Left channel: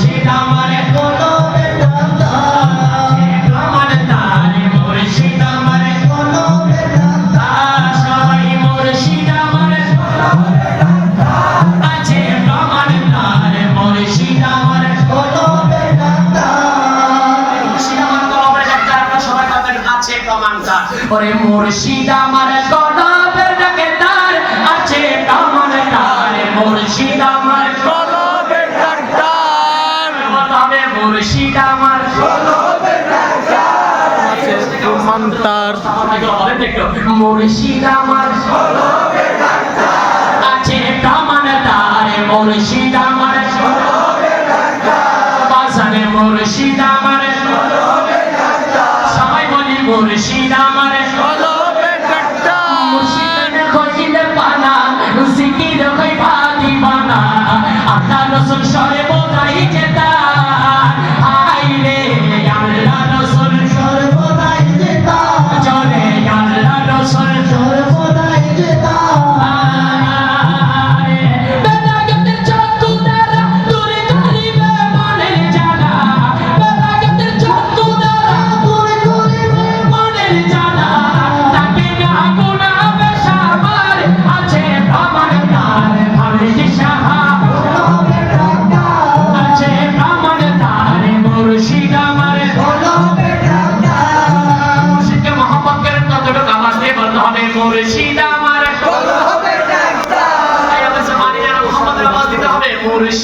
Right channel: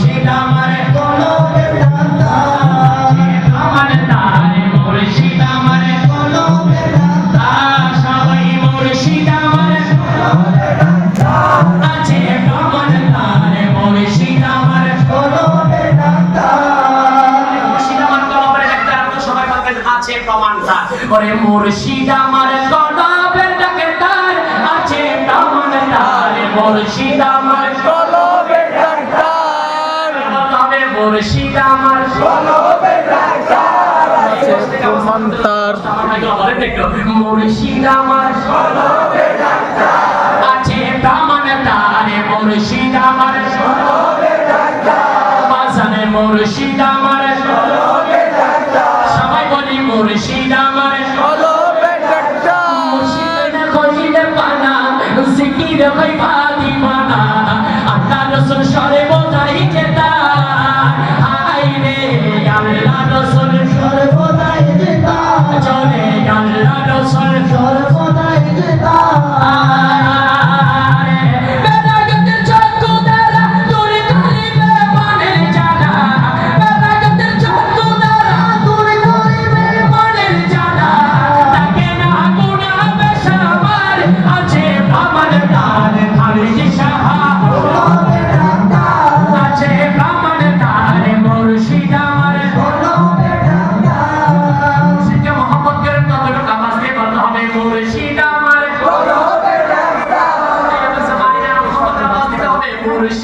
Shri Ramare Kor করে মুর্শিদ আমার কলবের ডাকে তার আছে কামন তার। মুর্শিদ আমার কলবের ডাক্তার তবে মুর্শিদ আমার কলবের ডাক্তার আছে তোমার তার। মুর্শিদ আমার কলবের ডাক্তার আছে কামন তার। মুর্শিদ আমার